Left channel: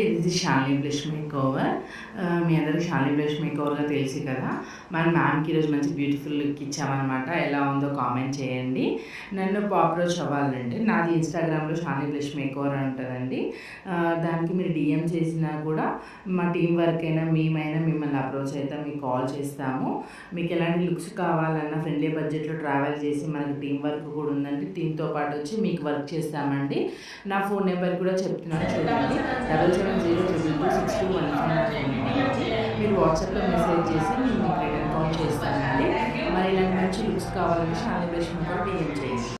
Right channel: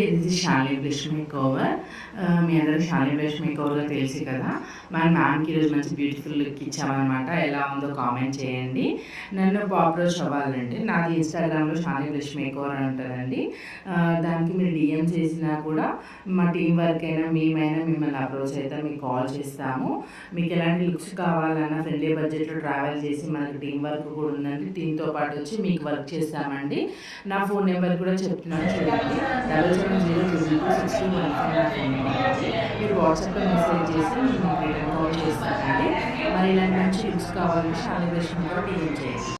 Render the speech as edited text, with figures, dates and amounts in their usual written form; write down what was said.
అండి, ఇది Shalini blush makeover. మీ అందరికి షాలిని బ్లష్ మేకోవర్గా తెలుసు కదా. మన మ్యామ్కి ఈరోజు మంచి బ్యూటిఫుల్ లుక్ ఇచ్చామన్నమాట. ఎలా ఉందో కామెంట్ చేయండి. నన్ను అప్రోచ్ అవ్వాలంటే నాది ఇన్స్టాగ్రామ్లో షాలిని బ్లష్ మేకోవర్ అని ఉంటుందండి. దానికి మీరు డిఎం చేసినా కూడా మా టీం వర్క్ అయినా మేమైనా మిమ్మల్ని అప్రోచ్ అయితే మీకు కాల్ చేస్తాము. మీకు ఎలాంటి లుక్స్ కావాలన్నా ఫ్రెండ్లీ బడ్జెట్లో ట్రావెల్ చేసి మనకి టీం వర్క్ కూడా ఉందండి. టీంతో పాటు వచ్చి మీకు వర్క్ చేస్తామండి. నా ఫోన్ నెంబర్ కూడా చెప్తున్నాను చూడండి. 7702226215 నా ఫోన్ నెంబర్ అండి. మీరు వాట్సాప్లో మెసేజ్ చేసి నేను మీకు రిటర్న్ కాల్ చేస్తానండి. మరి ఇలాంటి మంచి లుక్స్ కావాలంటే షాలిని బ్లష్ మేకోవర్ డిఎం చేయండి.